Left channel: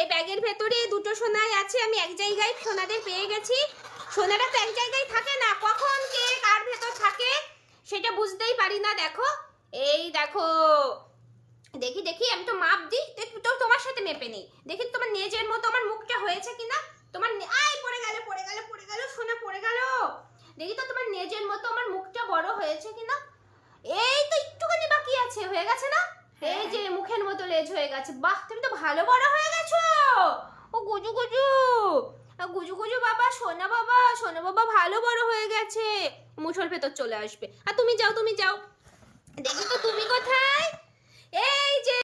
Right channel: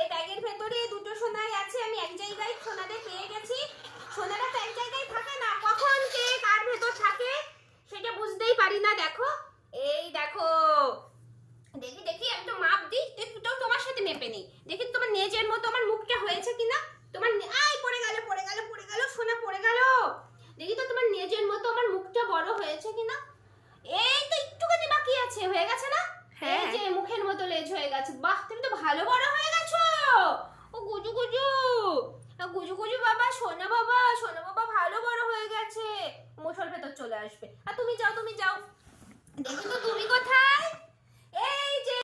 এই ব্যাগের ভেতরে দুটো সোনাই আছে। আমি এক জায়গায় সোনাদের পেয়ে গেছি। সোনারা তো এক জায়গায় থাকে না, কখন কে কার ভেতর থাকে সেটা বুঝতেই পারি না। দেখো, এই দেখো, দেখি দেখি আমি তো মাপ দিই, তো তোমার সাথে মেপে নেই। দেখি তোমার নেজের মতো আমার মুখটা হয়েছে কিনা। তোমার আই পড়ে গেল, পড়ে গেল, পড়ে গেল, সোনা পড়ে গেল। দেখি তো তোমার নেজের মতো আমার মুখটা বড় হয়েছে কিনা। এই তো একটুখানি বাকি আছে, হয়ে গেছে না? এই যে মুখের মতো লেজ হয়ে গেছে। বাহ, তুমি তো ভালো বড় হয়ে গেছো। ও গুজু গুজু, গুজু গুজু বাবা, সোনা বাবা, সোনা বাবা ভালো বড় হয়ে গেছে। মুঠোর ভেতর চলে আসবে। আর তুমি যাও, তুমি যাও। দেখো তো তুমি কোথায়?